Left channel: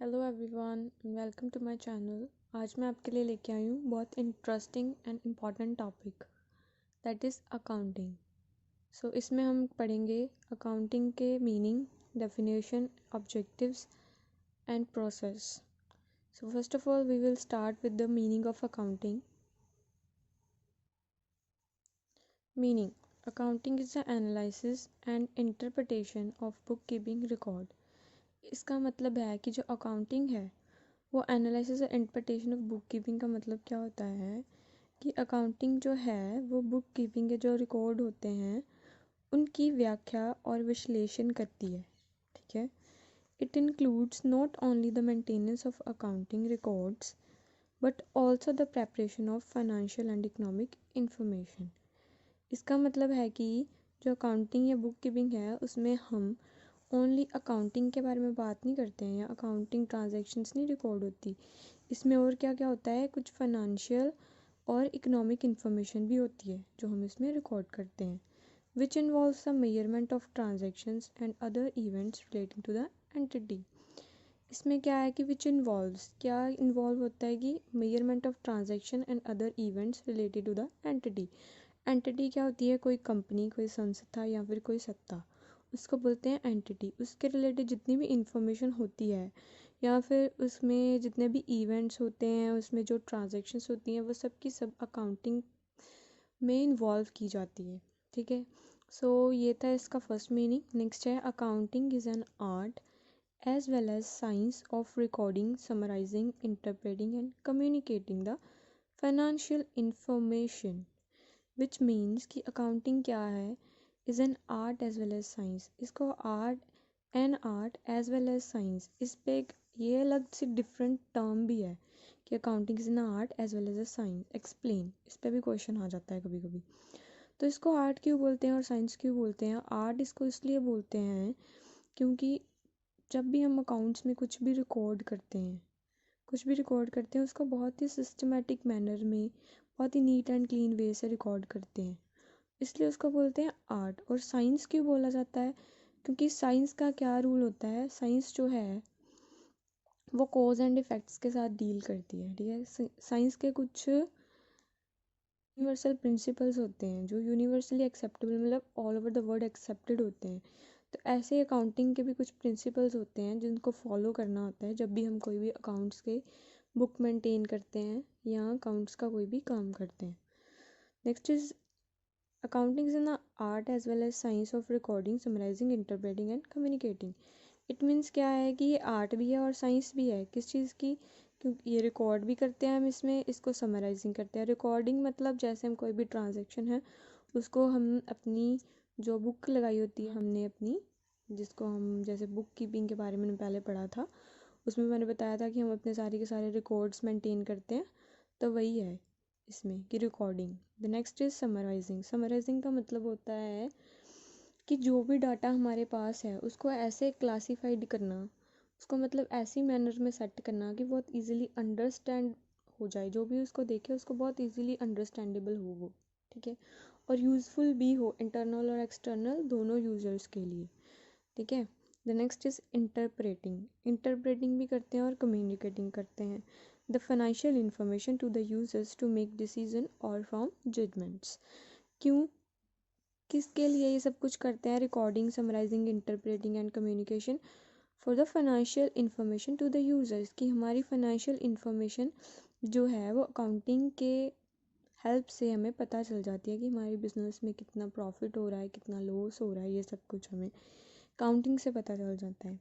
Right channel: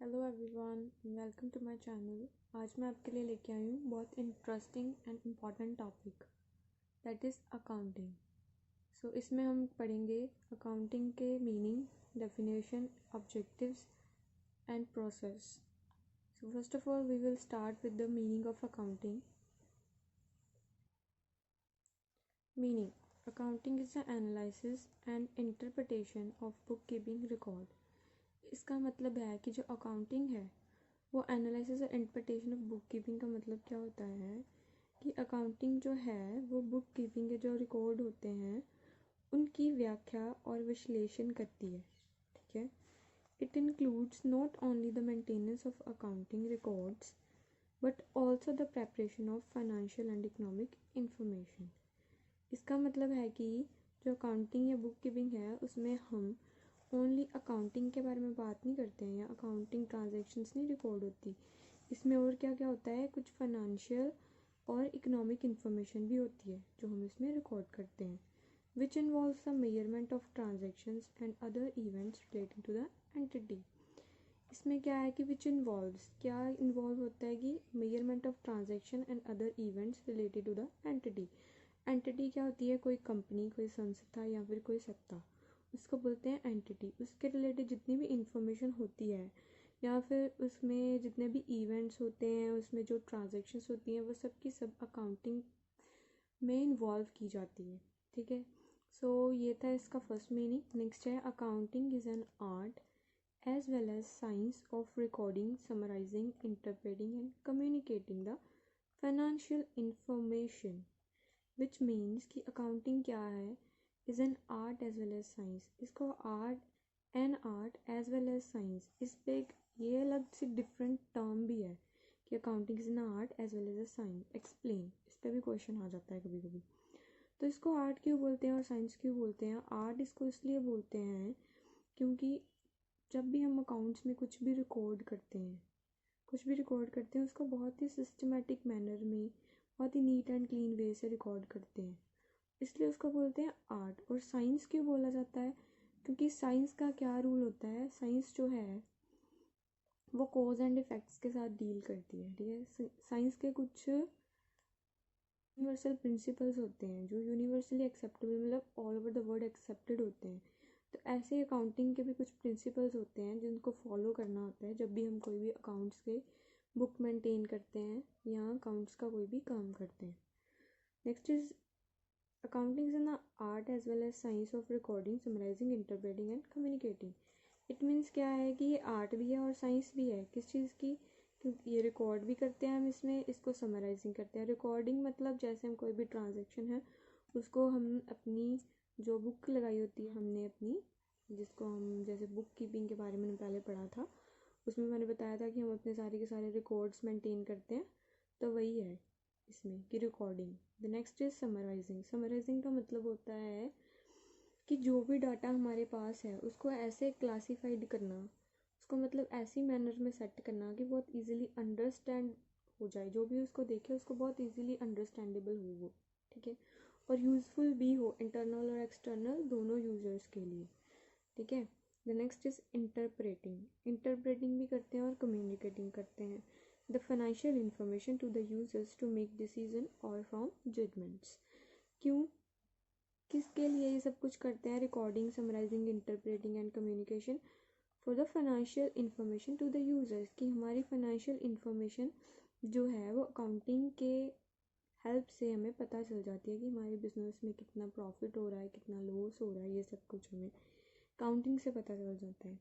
Hello everyone, welcome to my channel. आज मैं आपके लिए लेके आई हूँ बहुत interesting and important topic, that is accounting. So इसमें हम पढ़ेंगे अकाउंटिंग के meaning, definition, objectives and process. So first of all we will start with the meaning of accounting. Meaning: accounting is the analysis and interpretation of book keeping record. इसका मतलब है कि जो accounting है वो एनालिसिस और interpretation of book keeping का मतलब क्या होता है कि अकाउंटिंग जो है वो बुक कीपिंग के जो रिकॉर्ड होते हैं उनकी व्याख्या और विश्लेषण करती है। ठीक है, it includes not only the maintenance of accounting records but also the preparation of financial and economic information. इसका मतलब है कि जो अकाउंटिंग या बुक कीपिंग है उसमें हम ओनली अकाउंटिंग के बारे में बात नहीं करते हैं या अकाउंटिंग ट्रांजैक्शंस नहीं रिकॉर्ड होती। इसमें और क्या क्या होता है, कुछ फाइनेंशियल और इकोनॉमिक इन्फॉर्मेशन भी होती है जो हम इसमें रिकॉर्ड करते हैं, which involves the measurement of transactions and other events relating to the entity. इसमें क्या है कि विच इन्वॉल्व्स, क्या इन्वॉल्व होता है कि measurement of transaction and other events related to the entity. Entity क्या होती है? कोई कंपनी, कोई संस्था या फिर कोई सत्ता, उसको बोलते हैं एंटिटी। उसके रिलेटेड जितनी भी इंफॉर्मेशन होती है या फिर उसमें जितने भी इवेंट्स होते हैं, उसमें जो ट्रांजैक्शंस होती हैं, वो सब की सब अकाउंटिंग में इन्वॉल्व की जाती है। ठीक है, सो ये था इसका फर्स्ट मीनिंग। नेक्स्ट है accounting is an art as well as science of recording, summarising, interpreting and communicating the financial information, which means कि अकाउंटिंग क्या है, is an art as well as science. इसको art as well as science, इस पे एक ये अलग सी different term भी है कि accounting is an art as well as a science. Explain, इस पे भी क्वेश्चन आ जाता है कभी कभी। तो इसको आर्ट क्यों बोलते हैं और साइंस क्यों बोलते हैं? आर्ट इसको इसलिए बोलते हैं क्योंकि जब भी हम अकाउंट्स में कुछ भी रिकॉर्ड करते हैं उसको बहुत ही सिस्टमेटिक मैनर में, बहुत ही नीट एंड क्लीन वे से रिकॉर्ड करते हैं, इसलिए उसको बोलते हैं आर्ट। और साइंस क्यों बोला जाता है? क्योंकि साइंस का क्या रूल होता है, साइंस जो है वो कॉज एंड इफ़ेक्ट्स के साथ डील करती है। ठीक है, साइंस के कुछ यूनिवर्सल प्रिंसिपल्स होते हैं जो यूनिवर्सली एक्सेप्टेबल, मतलब all over the world accepted होते हैं। तो ऐसे ही अकाउंटिंग के भी कुछ प्रिंसिपल्स होते हैं जिनको फॉलो करना होता है जब भी हम कोई भी अकाउंट्स के बुक मेंटेन करते हैं या अकाउंट्स का कोई भी काम करते हैं। Next is accounting is an art as well as science of recording, summarising, interpreting and communicating. It means क्या है कि ये आर्ट भी है और साइंस भी है। किस चीज़ की? क्योंकि ये रिकॉर्ड भी करते हैं हम इसमें, इसको समराइजिंग करते हैं। रिकॉर्डिंग मतलब जैसे हम कोई भी ट्रांजेक्शन है उसको हम अपनी जो बुक लगाई होती है हमने अपनी, जिसको हम जैसे बुक कीपिंग के बारे में पहले पढ़ा था, उसमें मैंने बताया था कि हम अपने सारे के सारे रिकॉर्ड्स मेंटेन करते हैं, तो वही है इसमें कि recording. The next is summarising. Summarising का मतलब होता है कि जो भी डाटा हमारे पास है उसको ऐसे क्लासिफाइड करना, उसको मतलब ऐसी मैनर में सेट करना कि बहुत इजीली अंडरस्टैंड हो जाए, जो भी उसको देखे उसको बहुत इजीली अंडरस्टैंडेबल हो वो। ठीक है, और यूज़फुल भी हो इंटरनल और एक्सटर्नल दोनों यूज़र्स के लिए। ठीक है, the next is interpreting. Interpreting भी करते हैं और कम्युनिकेटिंग करते हैं the financial information to the users to make decision और फ्रॉम जजमेंट्स। क्यों, किसके लिए ये सब कुछ करते हैं? Recording, summarising, interpreting and communication for the financial information to the users, कि हमारी फाइनेंशियल इंफॉर्मेशन जो है वो अकाउंटिंग के हेल्प से हमें पता चल जाती है कि हमारी बिजनेस में कितना प्रॉफिट हो रहा है, कितना लॉस हो रहा है, ये सब कुछ हमें काउंटिंग से पता चल जाता है।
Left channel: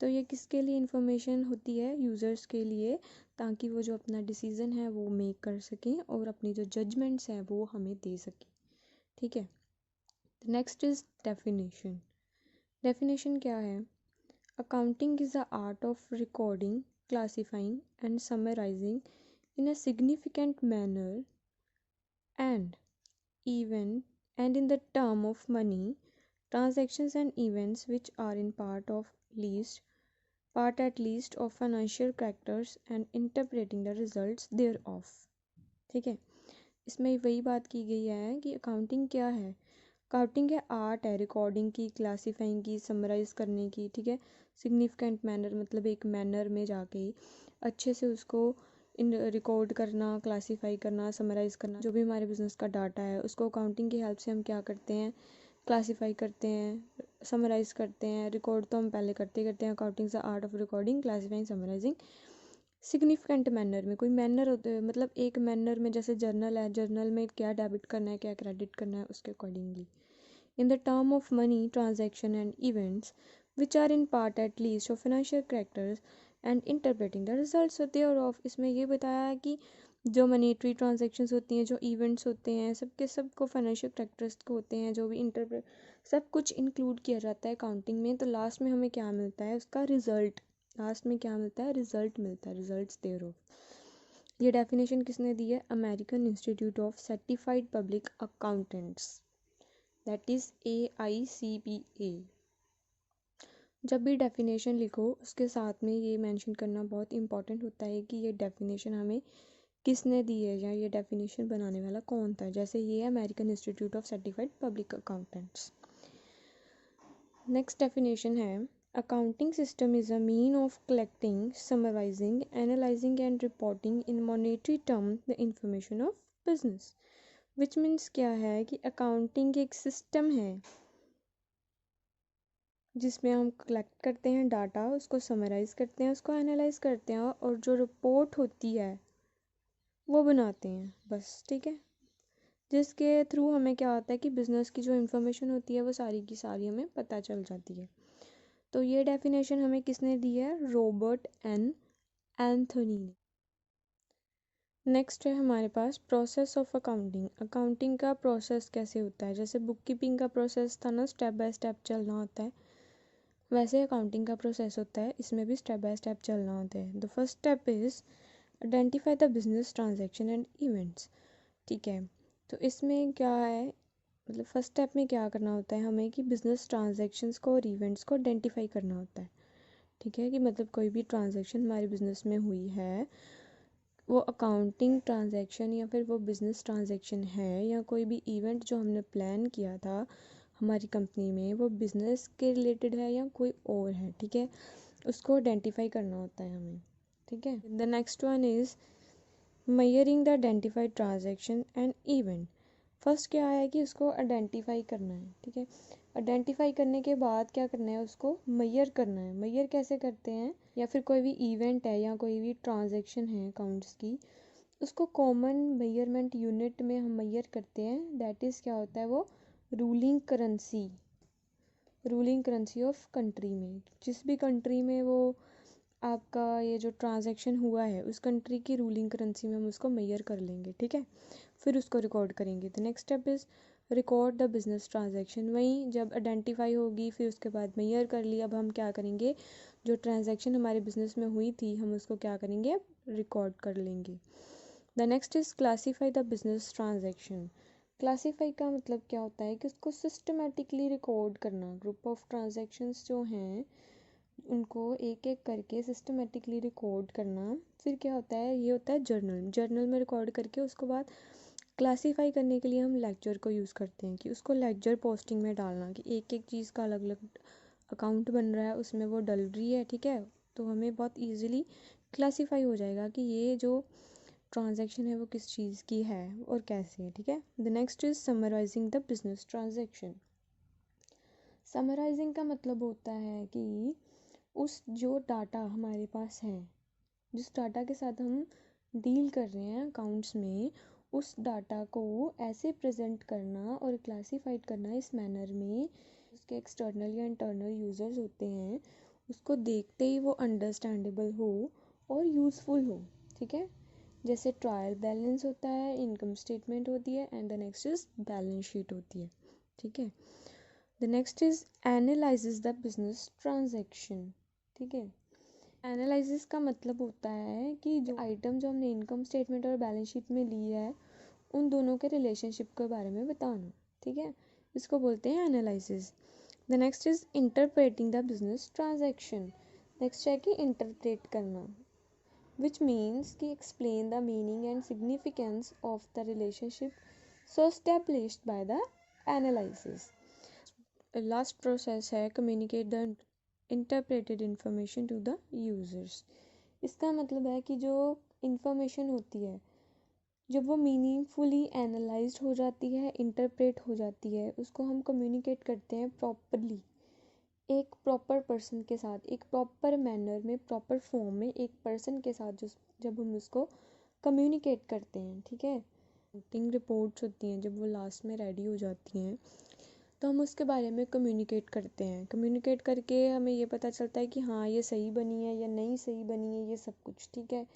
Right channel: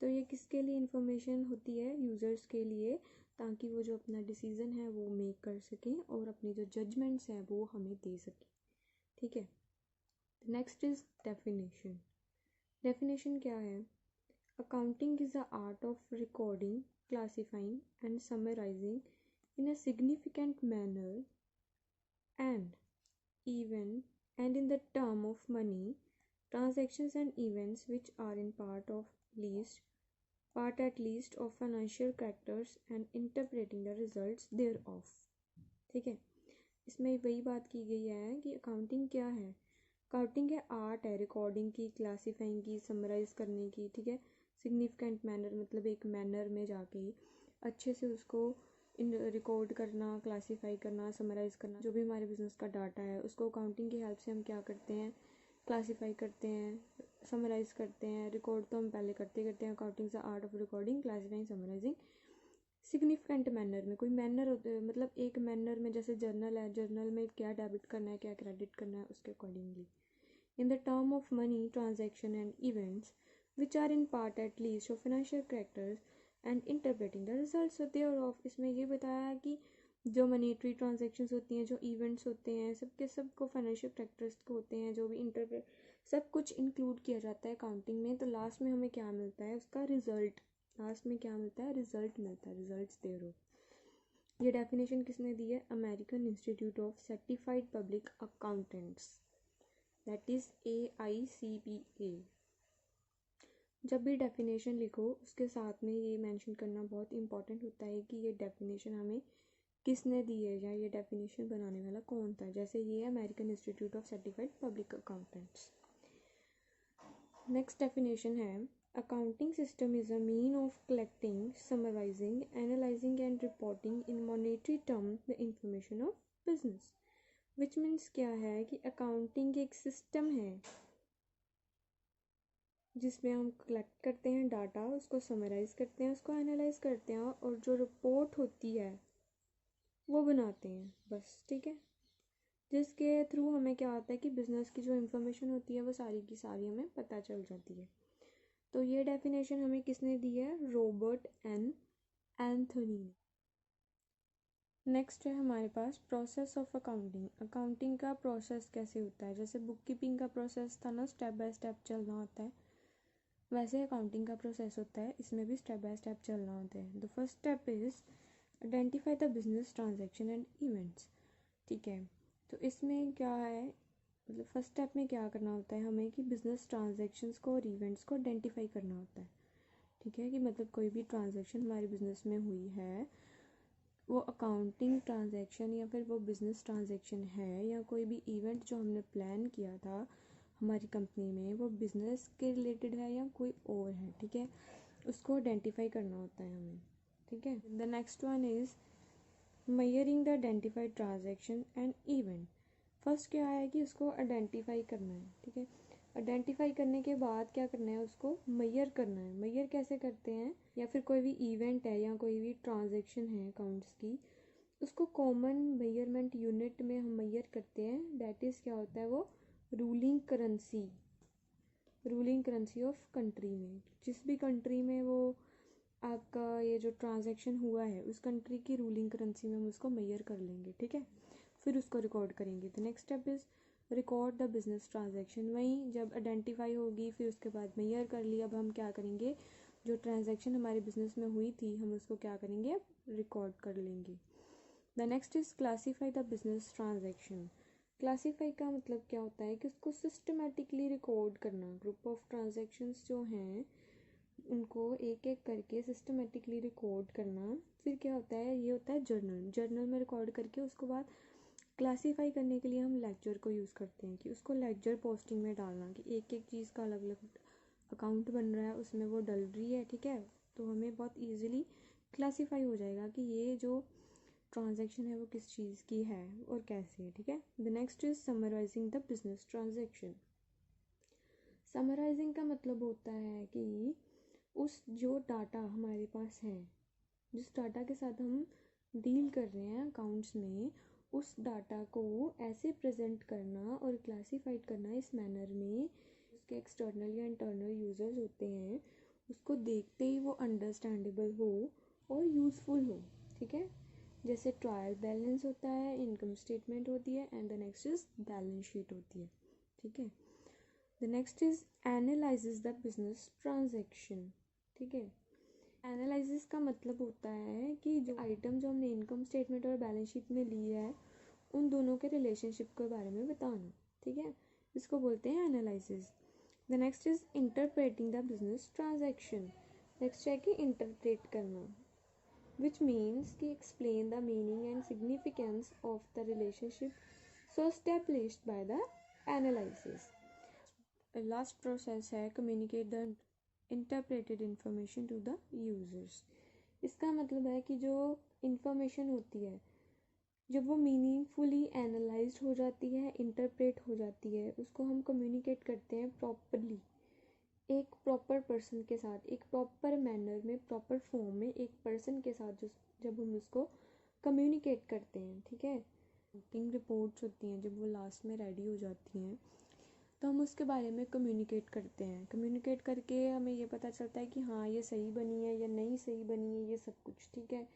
तो ये किसके लिए इंफॉर्मेशन होती है? यूज़र्स के लिए, ताकि वो जो अपना डिसीज़न है वो मेक कर सकें और अपनी जो जजमेंट्स है वो हमें दे सकें। ठीक है, नेक्स्ट इज डेफिनेशन। डेफिनेशन क्या है? Accounting is the art of recording, classifying and summarising in a significant manner and even and in the term of money, transactions and events which are in part at least of financial characters and interpreting the results thereof। ठीक है, इसमें वही बात की गई है कि accounting क्या है। अकाउंटिंग है आर्ट है रिकॉर्डिंग की, क्लासीफाइंग की, समराइज करने की। ठीक है, सिग्निफिकेंट मैनर मतलब एक मैनर में जाके अच्छे से उसको रिकॉर्ड करना, क्लासीफाई करना, समराइज़ करना। जो भी हमारे बिजनेस का डाटा है उसको अकाउंटिंग की हेल्प से हम क्या करते हैं, क्लासीफाई करते हैं, समराइज़ करते हैं। रिकॉर्ड तो हम पहले करते हैं, accounting the art of recording, classifying, summarising significant manner में। कोई मैनर होते हैं मतलब एक मैनर में, जैसे जर्नल है, जर्नल में क्या डेबिट करना है, क्या क्रेडिट करना है, उसके accordingly. In the term of money transaction and events which are in part at least of financial characters and interpreting the results thereof. इसमें ये बताया है कि जो मनीटरी ट्रांजेक्शन्स होती हैं, जो इवेंट्स होते हैं, सबके सब को फाइनेंशियल कैरेक्टरिस्टिक होते हैं, जो भी इंटरप्रेट सब कुछ इंक्लूड किया जाता है अकाउंटिंग में। तो लास्ट में हमें क्या मिलता है, उसका रिजल्ट। लास्ट में क्या मिलता है, रिजल्ट मिलता है, रिजल्ट्स देयर ऑफ। ये डेफिनेशन किसने दी है, American Institute of Certified Public accountants, that is AICPA। जब भी डेफिनेशन लिखो उसके साथ में ये मेंशन करना बहुत इंपॉर्टेंट होता है कि ये डेफिनेशन हमें किसने दी है या ये डेफिनेशन बनाने वाला कौन था। जैसे ये है American Institute of Certified Public Accountants. Next definition है accounting system is a mean of collecting, summarising, analysing and reporting in monetary term the information of business. Which means क्या है कि अकाउंटिंग एक सिस्टम है जिसमें हम कलेक्ट करते हैं डाटा, उसको समराइज़ करते हैं, उसको एनालाइज करते हैं और जो रिपोर्ट होती है वो बनाते हैं, बस। ठीक है, जिसके थ्रू हमें क्या होता है कि बिज़नेस की जो इन्फॉर्मेशन होती है वो सारी की सारी हमें पता चल जाती है। तो ये डेफिनेशन हमें किसने दी है, रॉबर्ट एन एंथोनी ने। नेक्स्ट है हमारे पास प्रोसेस ऑफ अकाउंटिंग। अकाउंटिंग का प्रोसेस कैसे होता है, जैसे बुक कीपिंग का प्रोसेस था ना, स्टेप बाय स्टेप चलना होता है, वैसे अकाउंटिंग का प्रोसेस होता है, इसमें भी स्टेप बाय स्टेप चलना होता है। The first step is identify the business transaction and events. ठीक है, तो इसमें क्या है, मतलब फर्स्ट स्टेप में क्या करना होता है हमें कि बिजनेस ट्रांजैक्शंस को और इवेंट्स को आइडेंटिफाई करना होता है। ठीक है, कि मतलब कोई भी ट्रांजैक्शन हमारे बिजनेस में हुई है, वो अकाउंटिंग ट्रांजैक्शन या फिर वो बिजनेस ट्रांजैक्शन है, या कोई भी इवेंट जो हमने प्लान किया था हमारी कंपनी में, वो बिजनेस के रिलेटेड है या कोई और है। ठीक है, उसको आइडेंटिफाई करना होता है हमें। ठीक है, the next one is measuring the identified transaction and event. First क्या है कि उसको आइडेंटिफाई करना है। ठीक है, आइडेंटिफाई करने के बाद क्या करना है, उसको मेजर करना है। मेजर कैसे करते हैं, या फिर कोई भी इवेंट है या कोई भी ट्रांजैक्शन है अकाउंट्स की, उसको कॉमन मेजरमेंट यूनिट में हम मेजर करते हैं। दैट इज़ क्या होता है, वो ruling currency, ruling currency of country में। जिस भी कंट्री में वो आपका ये जो ट्रांजैक्शन हुआ है उस कंट्री की रूलिंग करेंसी में हम उसको मेजर कर लेंगे। ठीक है, फिर उसको रिकॉर्ड करेंगे। The next step is record the business transaction. वहीं जब आइडेंटिफाई होगी फिर उसके बाद मेजर कर लिया, अब हम क्या करेंगे, जो ट्रांजैक्शन हमारे बिजनेस में हुई थी हम उसको क्या करेंगे, रिकॉर्ड कर लेंगे। The next is classify the business transaction. Classify का मतलब क्या होता है कि उसको सिस्टमेटिकली रिकॉर्ड करना। ग्रुप ऑफ ट्रांजैक्शंस जो हैं उनको एक एक करके सिस्टमेटिकली रिकॉर्ड करना। फिर क्या होता है, ये होता है जर्नल। जर्नल में रिकॉर्ड करके उसको बाद क्लासीफाई करने के लिए हम लेक्चर को यूज़ करते हैं, कि उसको लेक्चर पोस्टिंग में डालना, कि एक एक चीज़ का अलग अलग अकाउंट बन रहा है, उसमें वो डल रही है। ठीक है, तो हमें बहुत ईजिली क्लासीफाई हो जाएगा कि ये जो ट्रांजैक्शन है वो किस चीज़ की है और कैसे है। ठीक है, the next is summarising the business transaction. Summarising का मतलब होता है कि उस जो डाटा हमारे पास है, जिस डाटा के साथ हम डील कर रहे हैं अकाउंट्स में, उस डाटा को ऐसे प्रेजेंट करना और क्लासीफाइड करना इस मैनर में, उसके एक्सटर्नल या इंटरनल यूज़र्स होते हैं उसको देखते ही वो अंडरस्टैंडेबल हो और यूज़फुल हो। ठीक है, जैसे ट्रायल बैलेंस होता है, इनकम स्टेटमेंट होती है, and the next is balance sheet होती है। ठीक है, the next is analyses the business transaction. ठीक है, एनालिसिस का मतलब होता है कि जो आइटम जो हमने इनकम स्टेटमेंट और बैलेंस शीट में ली है उन दोनों के रिलेशनशिप के बारे में बताना। ठीक है, इसको बोलते हैं analysis. The next is interpreting the business transaction. Next है कि इंटरप्रेट करना, विच मीन्स कि explain the meaning and significance of the relationship so established by the analysis. Last process है communicate the interpreted information to the users. इसका मतलब है कि जो इंफॉर्मेशन होती है जब वो मीनिंगफुली एनालाइज्ड हो जाती है, इंटरप्रेट हो जाती है, उसको हम कम्युनिकेट करते हैं प्रॉपरली एक प्रॉपर पर्सन के साथ, एक प्रॉपर मैनर में, प्रॉपर फॉर्म में एक पर्सन के साथ जो जब हम उसको कम्युनिकेट करते हैं, ठीक है। मीटिंग रिपोर्ट्स होती हैं जब वो लास्ट में रेडी हो जाती हैं तो हम उसके बारे में कम्युनिकेट करते हैं। कम्युनिकेट करके हमें ये पता चलता है कि हाँ ये सही बनी है या नहीं सही बनी है, ये सब कुछ, ठीक है।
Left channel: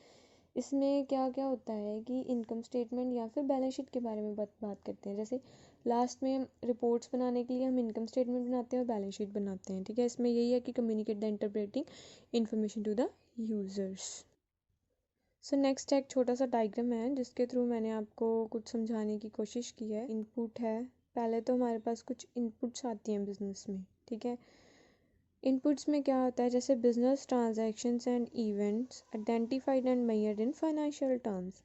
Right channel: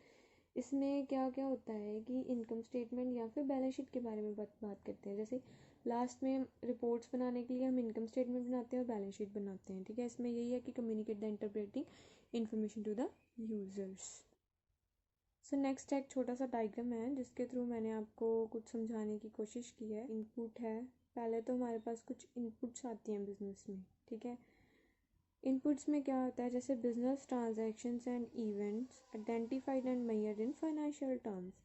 इसमें क्या क्या होता है कि इनकम स्टेटमेंट या फिर बैलेंस शीट के बारे में बात करते हैं। जैसे लास्ट में रिपोर्ट्स बनाने के लिए हम इनकम स्टेटमेंट बनाते हैं और बैलेंस शीट बनाते हैं, ठीक है। इसमें यही है कि communicate the interpreting information to the users. So next एक छोटा सा डायग्राम है जिसके थ्रू मैंने आपको कुछ समझाने की कोशिश की है। इनपुट है, पहले तो हमारे पास कुछ इनपुट्स आती हैं बिजनेस में, ठीक है। इनपुट्स में क्या होता है, जैसे business transactions and events identified and measured in financial terms.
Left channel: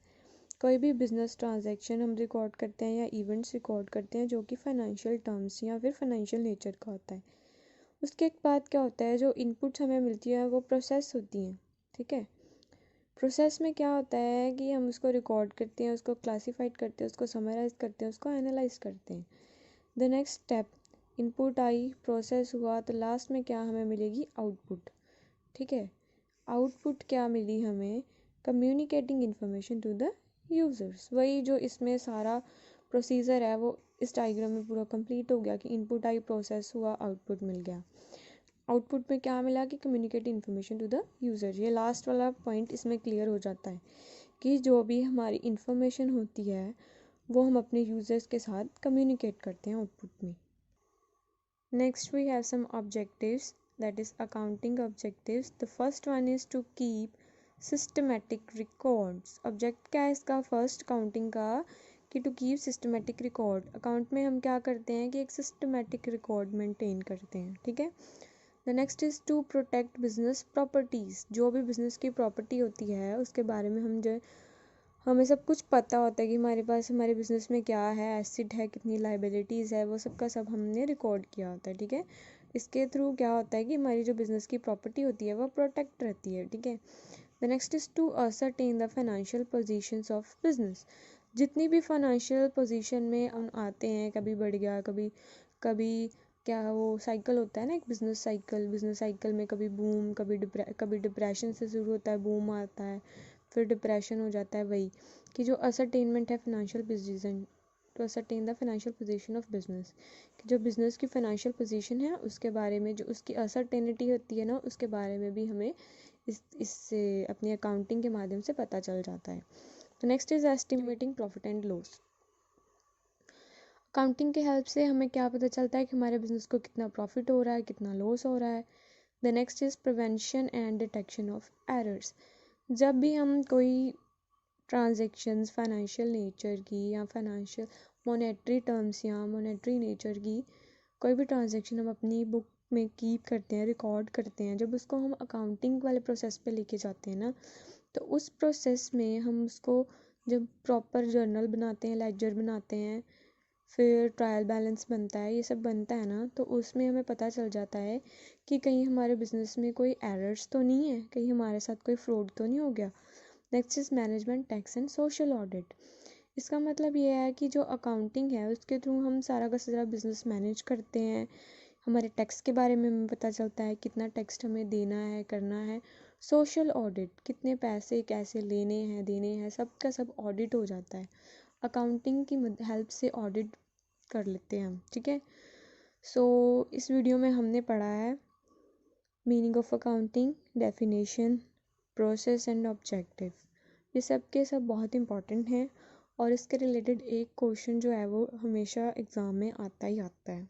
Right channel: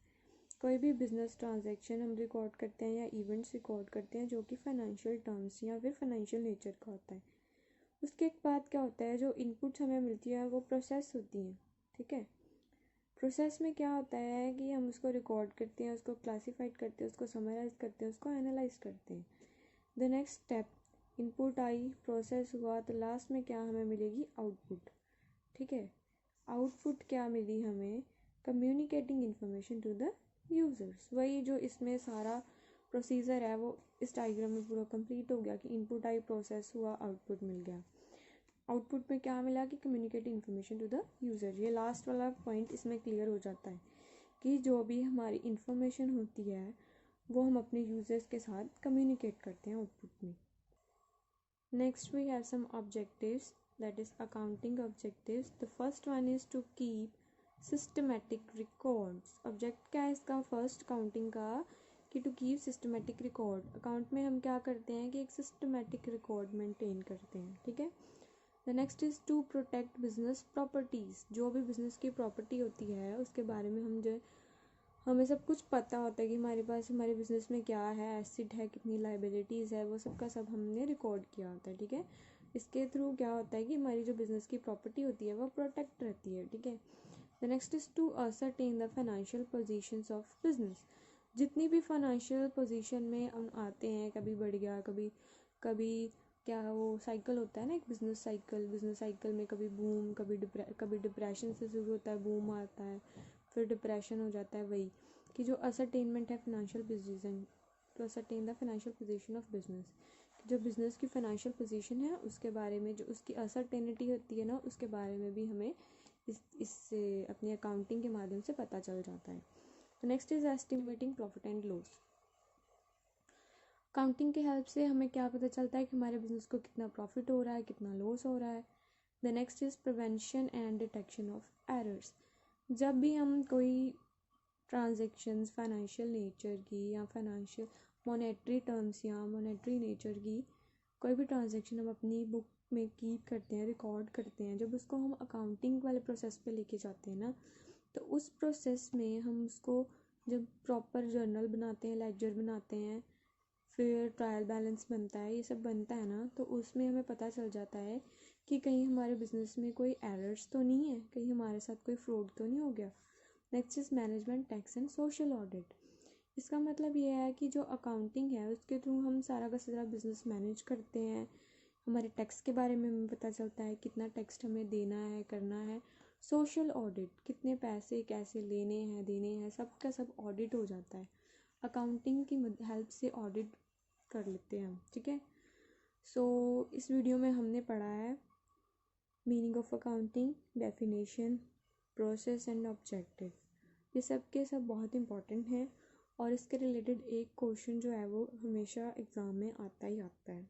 कोई भी बिजनेस ट्रांजैक्शन हम रिकॉर्ड करते हैं या इवेंट्स रिकॉर्ड करते हैं जो कि फाइनेंशियल टर्म्स या फिर फाइनेंशियल नेचर का होता है। उसके बाद क्या होता है, जो इनपुट्स हमें मिलती है वो प्रोसेस होती हैं, ठीक है। प्रोसेस में क्या होता है कि हम उसको रिकॉर्ड करते हैं, उसको क्लासीफाइड करते हैं, उसको समराइज करते हैं, उसको एनालाइज करते हैं। द नेक्स्ट स्टेप, इनपुट आई, प्रोसेस हुआ, तो लास्ट में क्या हमें मिलेगी, आउटपुट, ठीक है। आउटपुट क्या मिली हमें, communicating information to the users. वही जो इसमें सारा प्रोसीजर है वो इस डायग्राम में पूरा कंप्लीट हो गया कि इनपुट आई, प्रोसेस हुआ, आउटपुट मिल गया। आउटपुट में क्या मिला कि communicate information to the user. ये लास्ट वाला पॉइंट इसमें क्लियर हो जाता है कि जो भी हमारी इन्फॉर्मेशन होती है वो हम अपने यूज़र्स के साथ कम्युनिकेट करते हैं आउटपुट में। Next we have some objectives, that is accounting objectives. The first one is to keep systematic records. Object क्या है इसका, फर्स्ट अकाउंटिंग का, कि to keep systematic record. Account में हम क्या करते हैं कि एक सिस्टमेटिक रिकॉर्ड मेंटेन करते हैं, ठीक है। The next is to protect business properties. जो भी बिज़नेस की प्रॉपर्टी होती है उसके बारे में हमें सब कुछ पता होता है कि हमारे पास हमारे बिज़नेस में क्या है, एसिड है, कितनी लाइबिलिटीज़ है, वो सब का सब हमने रिकॉर्ड किया होता है, ठीक है। इसके थ्रू क्या होता है कि हमारी जो बिज़नेस की प्रॉपर्टी होती है वो प्रोटेक्ट रहती है, ठीक है। The next is to ascertain the financial positions of business. जितनी भी फाइनेंशियल पोजीशन में हम आते हैं, कभी बढ़ गया, कभी कभी क्या वो साइकिल होता है ना, एक बिजनेस साइकिल में कभी बूम, कभी डिप्रेशन से शुरू होता है, बूम आता है, फिर डिप्रेशन हो जाता है। वही कि जो असरटेनमेंट है financial position, to ascertain the financial position of business, कि जो बिजनेस की फाइनेंशियल पोजीशन है उसके बारे में, जो उसकी असरटेनिटी होती है ना, उसके बारे में भी हमें इससे अपनी अकाउंटिंग के माध्यम से पता चल जाता है। तो next is estimating profit and loss. Accounting के हेल्प से हमें क्या पता चलता है कि हमारे बिजनेस को कितना प्रॉफिट हो रहा है, कितना लॉस हो रहा है। The next is prevention and detection of errors. जब भी हम कोई ट्रांजेक्शन्स फाइनेंशियल नेचर की या फाइनेंशियल मॉनेटरी टर्म्स या मॉनेटरी नेचर की कोई भी ट्रांजेक्शन हम अपनी बुक में कीप करते हैं, रिकॉर्ड करते हैं, जब उसको हम अकाउंटिंग वाले प्रोसेस पे लेके जाते हैं ना, तो उस प्रोसेस में हम उसको जब प्रॉपर जर्नल बनाते हैं, लेजर बनाते हैं, फिर ट्रायल बैलेंस बनता है, ये सब बनता है ना, तो उसमें हमें पता चल जाता है कि कहीं हमारे बिजनेस में कोई एरर्स तो नहीं है, कहीं हमारे साथ कोई फ्रॉड तो नहीं हो गया। Next is management, tax and social audit. इसका मतलब ये है कि जो अकाउंटिंग है उसके थ्रू हम सारा का सारा बिजनेस मैनेज करते हैं। हमारे टैक्स के बारे में हमें पता चलता है कितना टैक्स हमें देना है, करना है। सोशल ऑडिट, कितने पैसे कैसे लेने हैं, देने हैं, सब का सब ऑडिट हो जाता है। अकाउंटिंग की हेल्प से ऑडिट कर लेते हैं हम, ठीक है। सो इस वीडियो में हमने पढ़ा है meaning of accounting, definition, process and objective. ये सब के सब बहुत इंपॉर्टेंट हैं और इसके रिलेटेड एक क्वेश्चन जो है वो हमेशा एग्ज़ाम में आता ही आता है।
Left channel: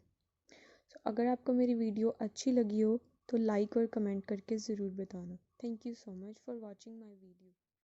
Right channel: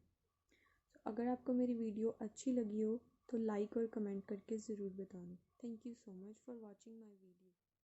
सो अगर आपको मेरी वीडियो अच्छी लगी हो तो लाइक और कमेंट करके ज़रूर बताना। Thank you so much for watching my video.